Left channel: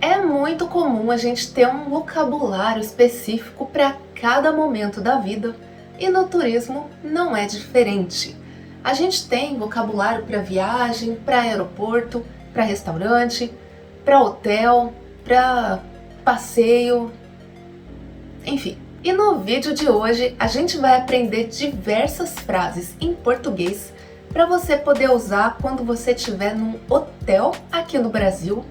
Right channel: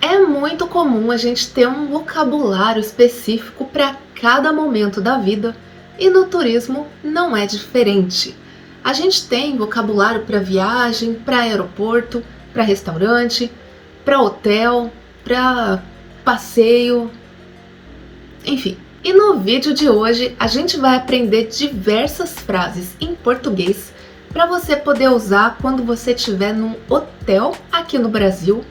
É muito comum a gente ter um vocabulário específico para cada momento da vida e no turismo não é diferente. A gente tem vocabulário para viagem, para aeroporto, para restaurante, para hotel, para passeio, enfim. E no vídeo de hoje a gente vai aprender diversas frases em português para você poder usar quando você estiver num hotel aqui no Brasil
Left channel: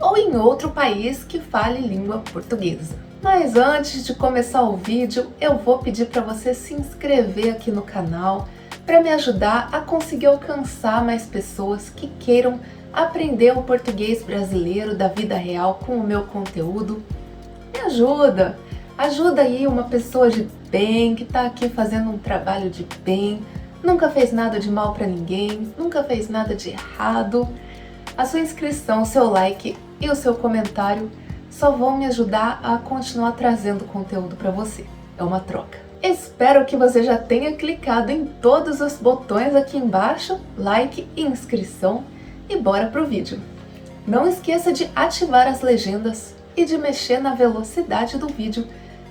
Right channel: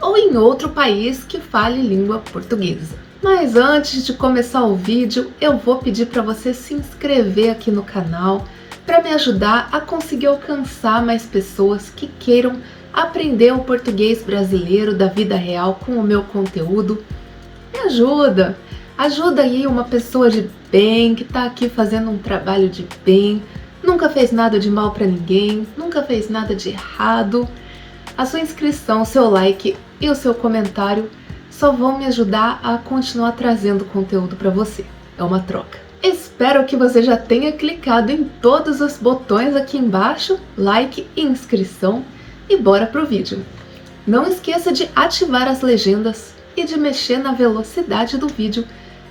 ou em outro país que fale língua portuguesa. Mas antes de começar o vídeo, eu vou pedir para você se inscrever aqui no canal para me ajudar a conseguir alcançar mais pessoas que queiram aprender o português brasileiro da vida real com o meu conteúdo. Me ajuda! Ajuda aí uma pessoa de bem que está aqui fazendo um trabalho de bem, nunca fez nada de mal para ninguém, nunca fez nada de errado. A sua inscrição, o seu like e o seu comentário só vão me ajudar a continuar trazendo conteúdo para você. É uma troca. Espero que você já tenha clicado em todos os botões aqui embaixo, like e inscrição, e bora pro vídeo. Não esqueça de ativar as legendas e de mexer na velocidade do vídeo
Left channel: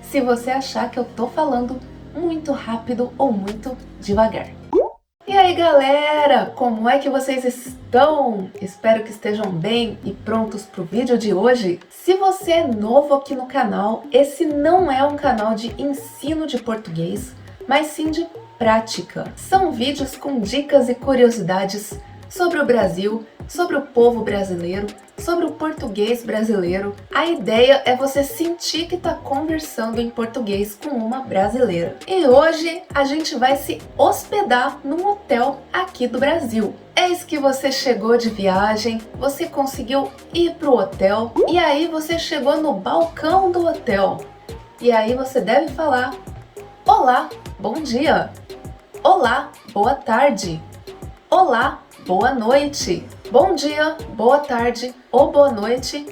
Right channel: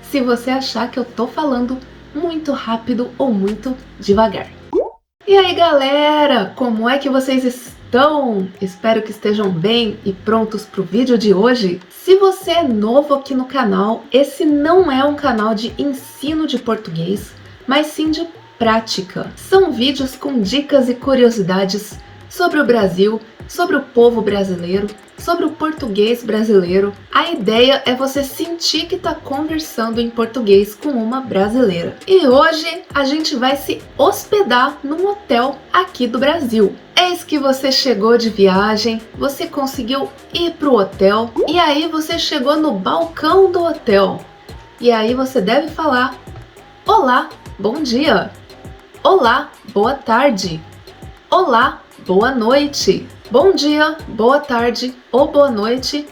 se você achar que eu tô falando muito rápido ou muito devagar. E aí galera, como é que vocês estão? Espero que estejam bem e prontos para o vídeo de hoje. Se você é novo aqui no canal, esse não é um canal de ensino de português, mas sim de prática. São vídeos com dicas e curiosidades sobre o Brasil, sobre o povo brasileiro, sobre o português brasileiro. A ideia é você sentir que está conversando em português com uma brasileira. E hoje a gente vai se hospedar num hotel aqui do Brasil. Eis que você chegou de viagem, você conseguiu ir para o hotel e aí você chegou no balcão do hotel. E aí você deve falar: olá, bom dia. Olá, boa tarde. Olá, boa noite. Bom dia, boa tarde ou boa noite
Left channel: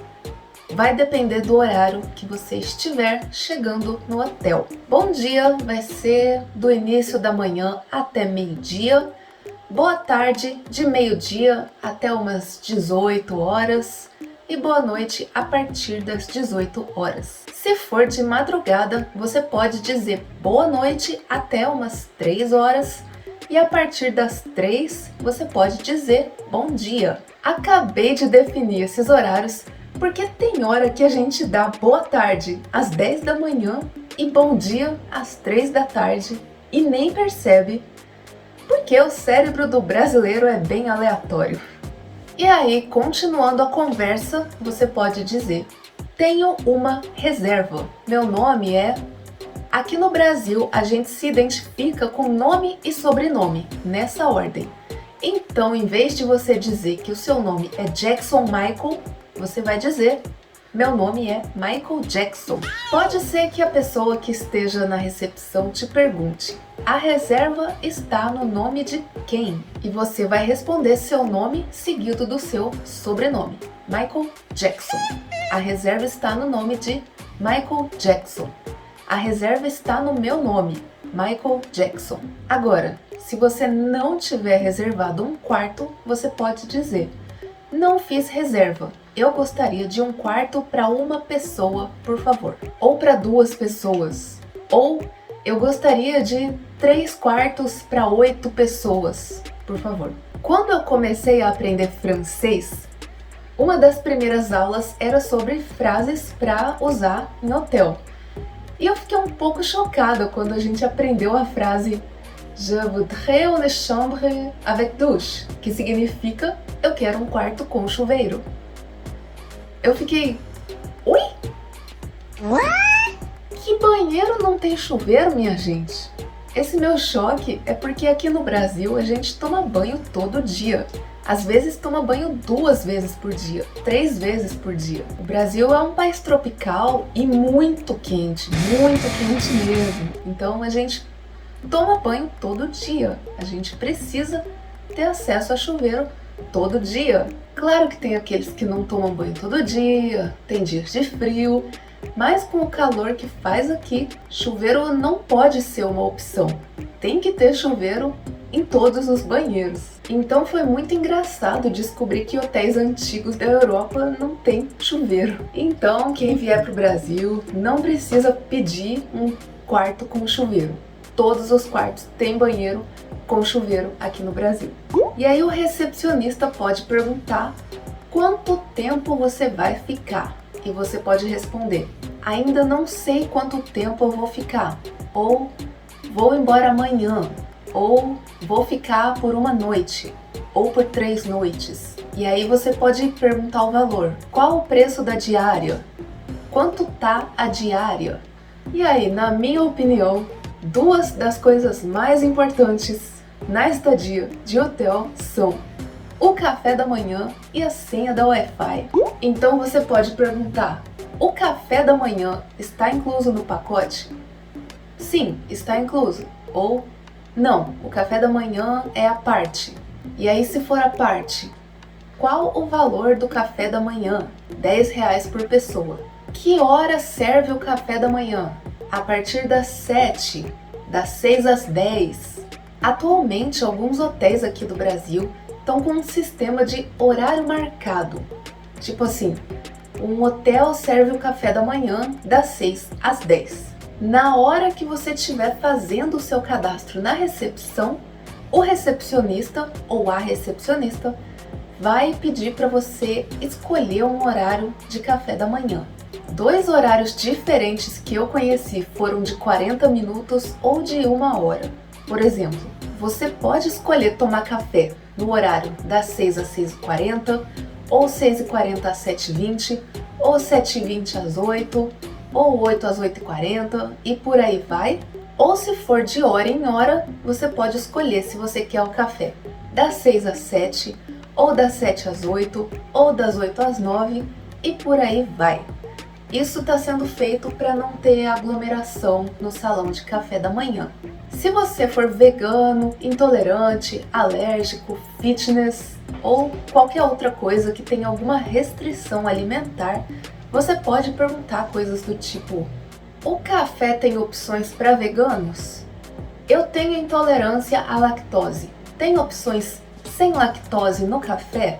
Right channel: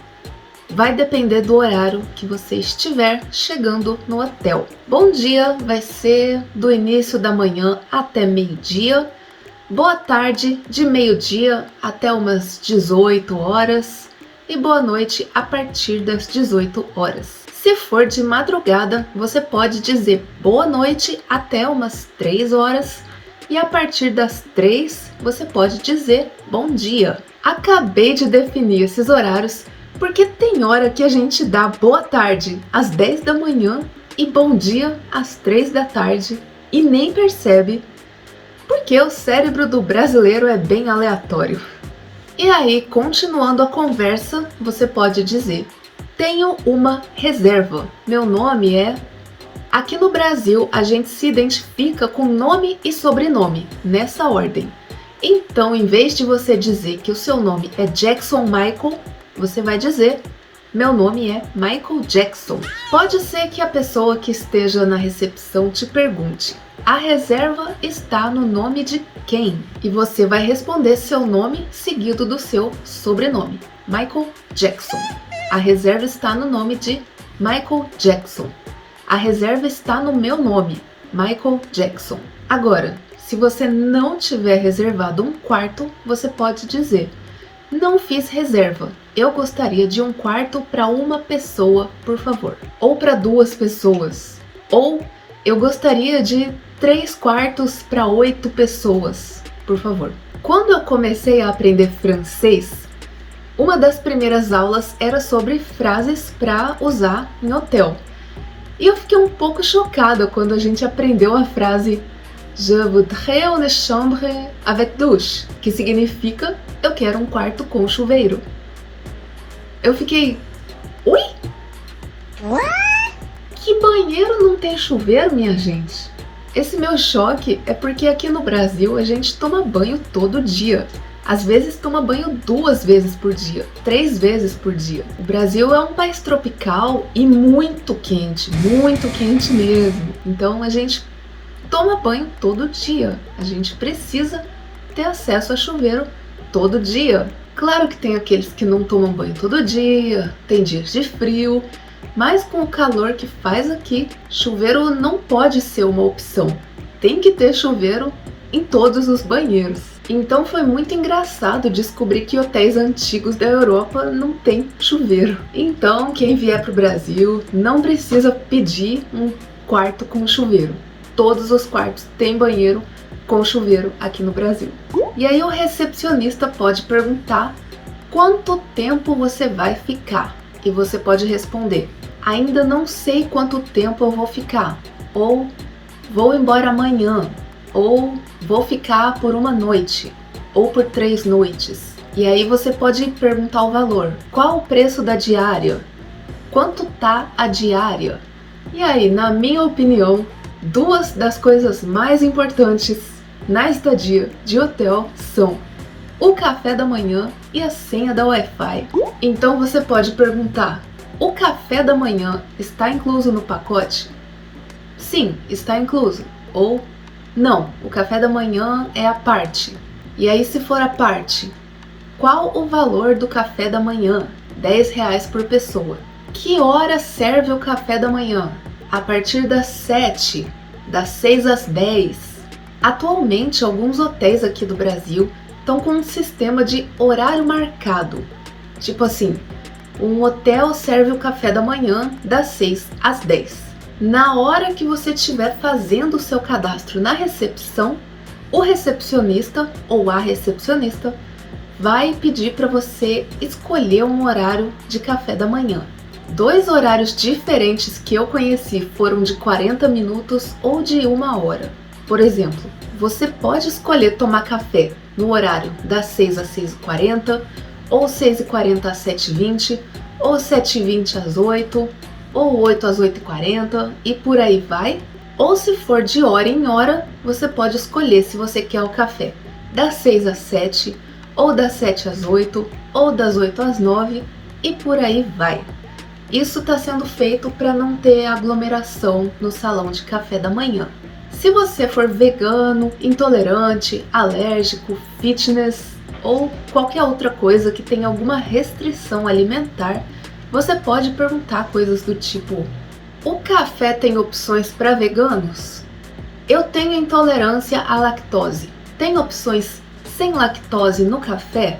vai depender do horário que você estiver chegando no hotel. Bom dia vai ser do início da manhã até meio-dia. Boa tarde de meio-dia até umas 18 horas. E boa noite a partir das 18 horas. Se for de madrugada, você pode dizer boa noite até umas 3 horas. E a partir das 3, você pode dizer bom dia. Acabei de definir esses horários porque tem hora que a gente dá boa tarde às 10 da manhã e bom dia às 3 da tarde e nem percebe, porque o cérebro do brasileiro é bem aleatório. E aí, continuando a conversa, você pode dizer: tenho uma reserva. Meu nome é... Aqui no Brasil, a gente se identifica com nome e sobrenome, nessa ordem. Então, em vez de você dizer que o seu nome é Jackson Michael, você vai dizer: meu nome é Michael Jackson. Pode ser que a pessoa que esteja na recepção te pergunte: a reserva está no nome de quem? E você vai responder seu nome seguido do seu sobrenome, Michael Jackson. A reserva está no nome de Michael Jackson. A reserva está no meu nome, Michael Jackson. Agora, se você não tiver reservado um quarto, você pode dizer: não fiz reserva. Eu gostaria de um quarto para uma pessoa, por favor. Ou para 2 pessoas. Ou eu gostaria de 3 quartos para 8 pessoas, por favor. Quando eu comecei a aprender francês, uma das primeiras aulas era sobre frases para usar em hotel. E eu fiquei um pouco chocada quando a gente aprendeu a frase Je voudrais une chambre avec douche, que significa eu quero um quarto com chuveiro. Eu fiquei: ui? Que banheiro não tem chuveiro, minha gente? Esse meu choque é porque aqui no Brasil a gente toma banho todo dia. Às vezes toma banho 2 vezes por dia, 3 vezes por dia. O Brasil é um país tropical e muito quente mesmo. Então a gente toma banho todo dia. A gente precisa ter acesso a chuveiro todo dia. Claro que tem aqueles que não tomam banho todo dia, tem dias de frio, mas com o calor que faz aqui, chuveiro não pode ser uma opção. Tem que ter chuveiro em todos os banheiros. Então foi muito engraçado descobrir que hotéis antigos da Europa não tem chuveiro. Então quem vier para o Brasil não precisa pedir um quarto com chuveiro. Todos os quartos têm banheiro com chuveiro aqui no Brasil. E aí o recepcionista pode perguntar quanto tempo você vai ficar. E você pode responder: ainda não sei quanto tempo eu vou ficar. Ou vou embora amanhã. Ou vou ficar por uma noite. Ou por 3 noites. E aí você pode perguntar o valor. Qual o preço da diária? Quanto tá a diária? E aí, na minha opinião, duas das coisas mais importantes na estadia de hotel são o café da manhã e a senha da Wi-Fi. Então você pode perguntar: o café da manhã está incluso no pacote? Sim, está incluso. Ou não, o café da manhã é à parte. E aí, se for à parte, qual o valor do café da manhã? R$10 por pessoa. Que hora serve o café da manhã? A partir das 7, das 6 às 10. Atualmente, alguns hotéis aqui do Brasil estão com um sistema de horário marcado. Tipo assim, um hotel serve o café da manhã das 6 às 10. Na hora que você estiver fazendo o seu cadastro na recepção, o recepcionista ou a recepcionista vai pedir para você escolher um horário de café da manhã. 2 horários diferentes que eu conheci foram de 40 minutos ou de 1 hora. Por exemplo, você pode escolher tomar café no horário das 6 às 6h40, ou 6h40 às 7h20, ou 7h20 às 8, ou 8 às 8h40 e por aí vai. Ou se for de hora em hora, você pode escolher se você quer o café das 6 às 7, ou das 7 às 8, ou das 8 às 9 e por aí vai. Isso está sendo feito para não ter aglomeração no salão de café da manhã. Se você for vegano, intolerante, alérgico, fitness ou qualquer outra coisa que tenha alguma restrição alimentar, você pode perguntar coisas do tipo: o café tem opções para veganos? Eu tenho intolerância à lactose. Tem opções sem lactose no café?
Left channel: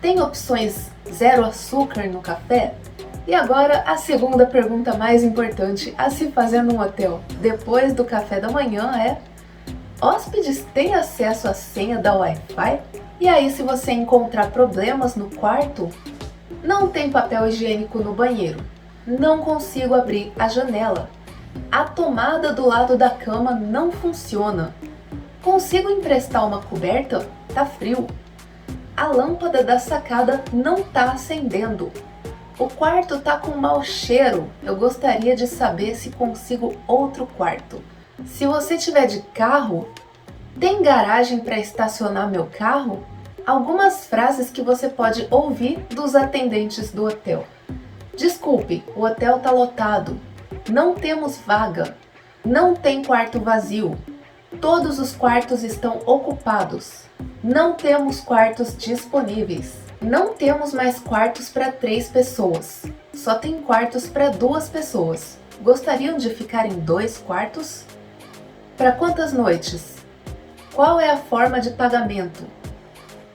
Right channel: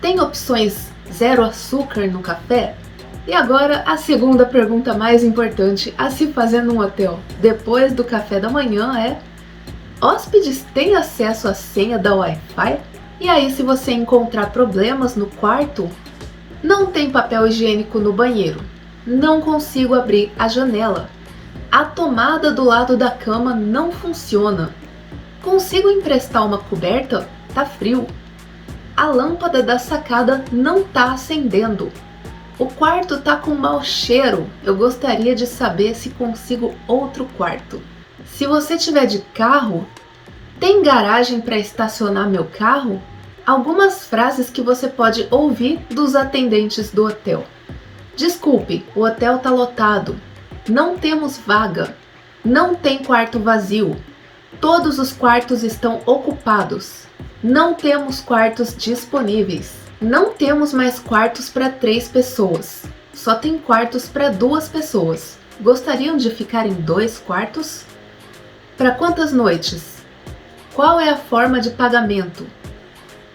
Tem opções zero açúcar no café? E agora a segunda pergunta mais importante a se fazer num hotel depois do café da manhã é: hóspedes têm acesso à senha da Wi-Fi? E aí, se você encontrar problemas no quarto, não tem papel higiênico no banheiro, não consigo abrir a janela, a tomada do lado da cama não funciona, consigo emprestar uma coberta? Tá frio. A lâmpada da sacada não tá acendendo. O quarto tá com mau cheiro. Eu gostaria de saber se consigo outro quarto. Se você tiver de carro, tem garagem para estacionar meu carro? Algumas frases que você pode ouvir dos atendentes do hotel. Desculpe, o hotel tá lotado. Não temos vaga. Não tem quarto vazio. Todos os quartos estão ocupados. Não temos quartos disponíveis. Não temos mais quartos para 3 pessoas. Só tem quartos para 2 pessoas. Gostariam de ficar em 2 quartos? Para quantas noites? Qual é a forma de pagamento?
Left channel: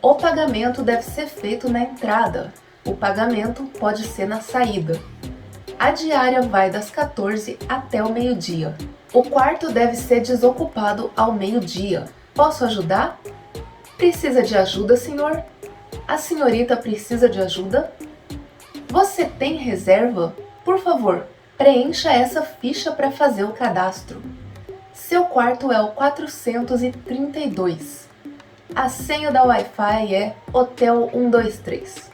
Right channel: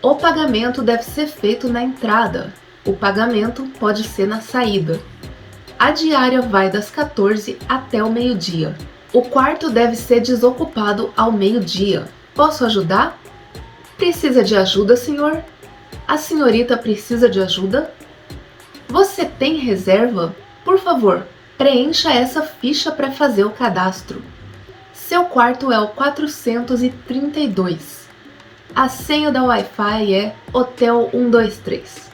O pagamento deve ser feito na entrada. O pagamento pode ser na saída. A diária vai das 14 até o meio-dia. O quarto deve ser desocupado ao meio-dia. Posso ajudar? Precisa de ajuda, senhor? A senhorita precisa de ajuda? Você tem reserva? Por favor, preencha essa ficha para fazer o cadastro. Seu quarto é o 432. A senha da Wi-Fi é Hotel 123.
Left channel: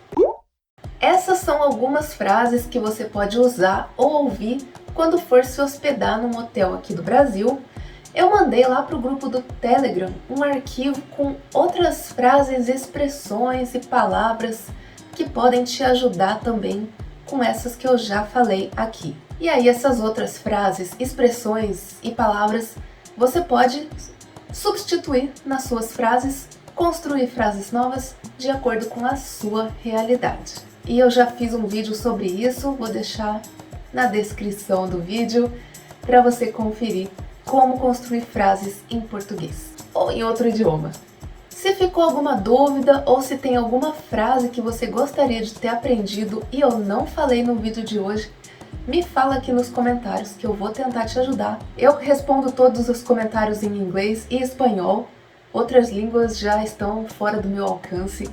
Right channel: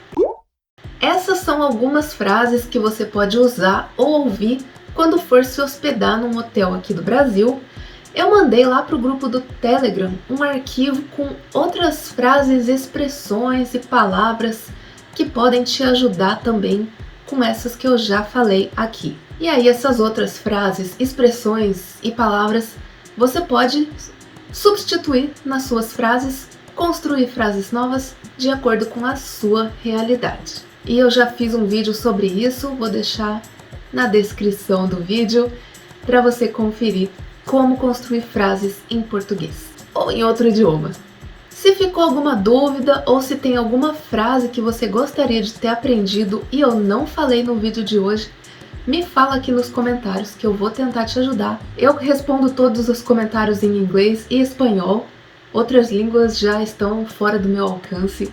Essas são algumas frases que você pode usar ou ouvir quando for se hospedar num hotel aqui do Brasil. Eu mandei lá para o grupo do Telegram um arquivo com outras frases, expressões e palavras que podem te ajudar também com essas que eu já falei aqui. E aí essas outras frases, expressões e palavras você pode substituir nas suas frases, construir frases novas de acordo com a sua realidade. E eu já fiz um vídeo sobre isso, vou deixar na descrição do vídeo para você conferir como construir frases em português. ou em outro idioma. Se ficou alguma dúvida ou se tem alguma frase que você gostaria de ter aprendido e eu não falei no vídeo de hoje, me fala aqui nos comentários que eu vou tentar te ajudar. Eu respondo todos os comentários em inglês e espanhol, outras línguas já estão fora do meu alcance.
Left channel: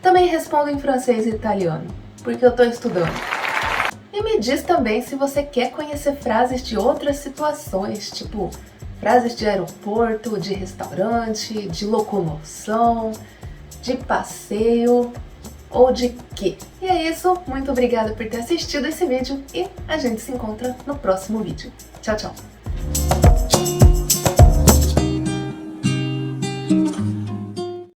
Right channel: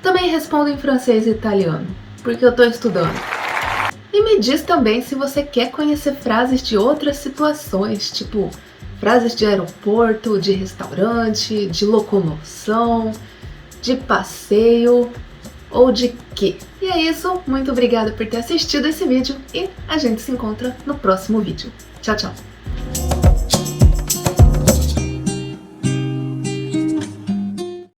Também respondo em francês e italiano, porque eu estou estudando. E me diz também se você quer conhecer frases de outras situações, tipo frases de aeroporto, de restaurante, de locomoção, de passeio ou de quê. E é isso, muito obrigada por ter assistido esse vídeo e a gente se encontra no próximo vídeo. Tchau, tchau!